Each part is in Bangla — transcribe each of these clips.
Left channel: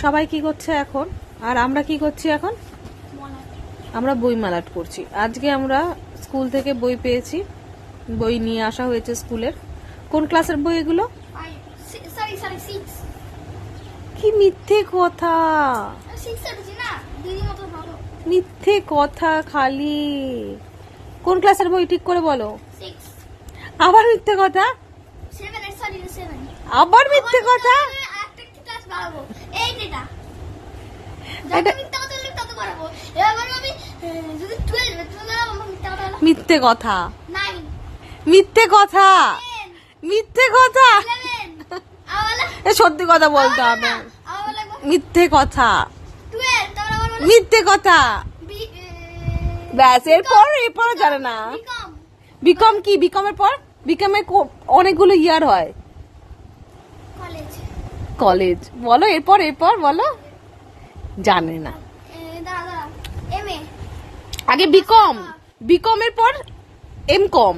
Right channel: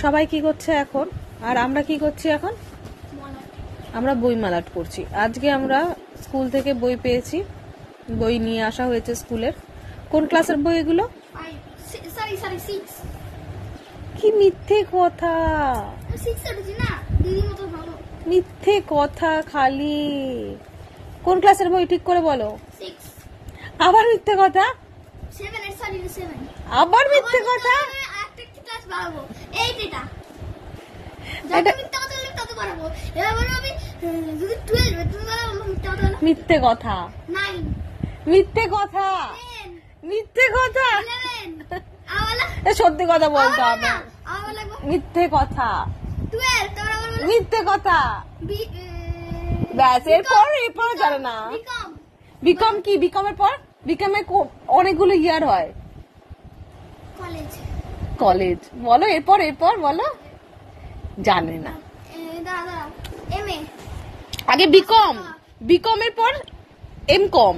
সবাই কি করছে এখন, আর আমরা কি করছি এখন? আমরা বই মালাট করছি। আজকে আমরা স্কুল থেকে বই পেয়েছি, বই নিয়ে আসা হয়েছে স্কুলের। কোন ক্লাসের বই এগুলো? কি মিথ্যে কথা, মিথ্যে কথা খালি। কোন ক্লাসের বই ঠিক করে বলো। আবার মিথ্যে কথা, আবার মিথ্যে কথা। মিথ্যে কথা, মিথ্যে কথা, মিথ্যে কথা। সত্যি কথা বলতে হবে। মিথ্যে কথা, মিথ্যে কথা। ব্যাস, এরপর জানে না। বিকম কি? বিকমের পর বিকমের অনেকগুলো ইয়ার হয়। কলেজ বলো, এরপর বলো। জানে না। আগে বিকম, বিকমের পর এম কম,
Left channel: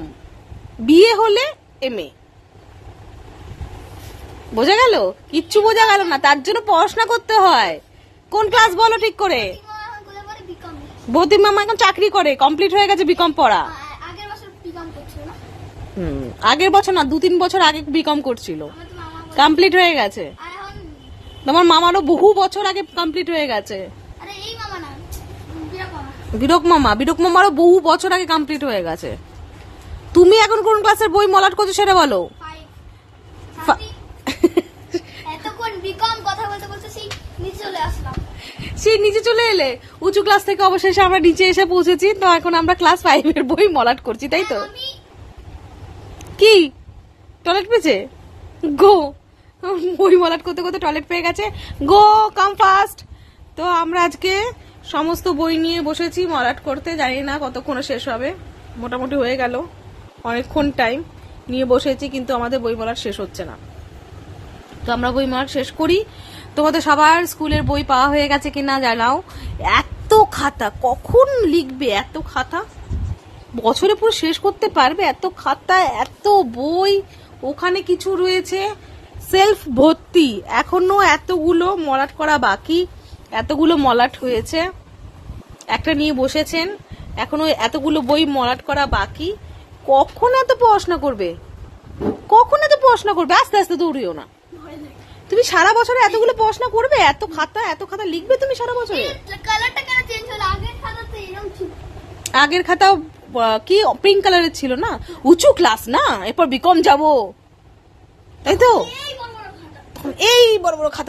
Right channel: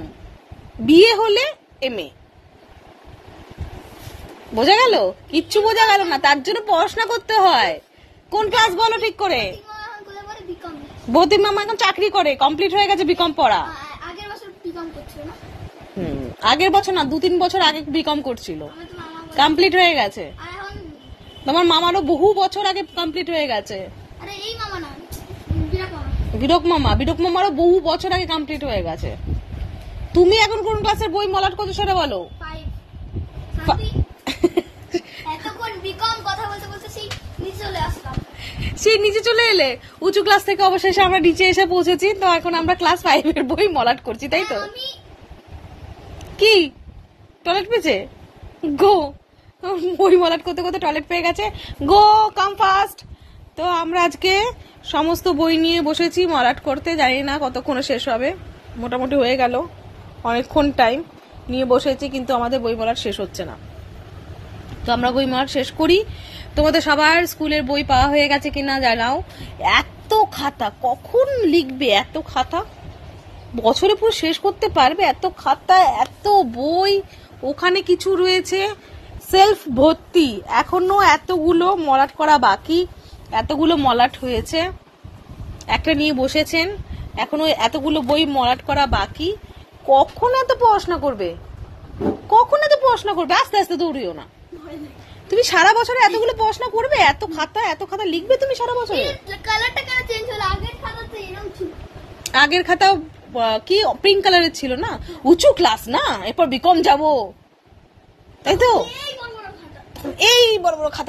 বিএ হলে এম এ। বোঝা গেল? কিচ্ছু বোঝা গেল না, তার জন্য পড়াশোনা করতে হয়। কোন ক্লাস বলো ঠিক করে? বৌদি মামা এখন চাকরি করে, কমপ্লিট হয়ে গেছে বিকম পড়া। আগের বছর না, 2-3 বছর আগে বিকম করছিল, কমপ্লিট হয়ে গেছে। তোমার মামারও বহু বছর আগে কমপ্লিট হয়ে গেছে। বিরক মামারও বহু বছর আগে কমপ্লিট হয়ে গেছে। তুমি এখন কোন ক্লাসের বই মলাট করছো সেটা বলো। সেই নিচে চলে এলে, উঁচু ক্লাস থেকে অবশেষে আমরা নিচে এসে পৌঁছেছি। তো এখন আমরা ক্লাস 5 এর বই মলাট করছি, তাই তো? কি টয়লেট পেয়েছে? গো, বই মলাট করতে করতে টয়লেট পেয়ে গেছে। গো, কাম ফাস্ট। তো আমরা আজকে সমস্ত বই নিয়ে বসেছি মলাট করতে। জানি না কতক্ষণে শেষ হবে, মোটামুটি হয়ে গেল অনেকক্ষণ টাইম নিয়ে বসেছি, কিন্তু আমাদের বই মলাট শেষ হচ্ছে না। তো আমরা বই মলাট শেষ করি। তোমাদের সবার স্কুলের বই পাওয়া হয়ে গেছে কিনা জানাও। এত খাতা কখন লিখবে? এত খাতা বছরে পুরো শেষ করতে পারবে? এত খাতা, এত বই। ওখানে কিছু রয়েছে সেলফ ভর্তি, এখনো এতগুলো মলাট করা বাকি। এতগুলো মলাট হয়েছে, একটা নিয়ে বসেছেন, এখনো এতগুলো বই মলাট করা বাকি। কখন এত পড়াশোনা করবে? কখন এত পড়াশোনা করবে? আস্তে আস্তে দৌড়িও না। তুমি সারা বছরে এতগুলো পড়াশোনা করবে? এত খাতা লিখবে তুমি সারা বছরে? আগের খাতাও কি পিঙ্ক কালারের ছিল না? উঁচু ক্লাস না, এরপর বিকম যাবো, তাই তো? এই বড় বড় খাতা।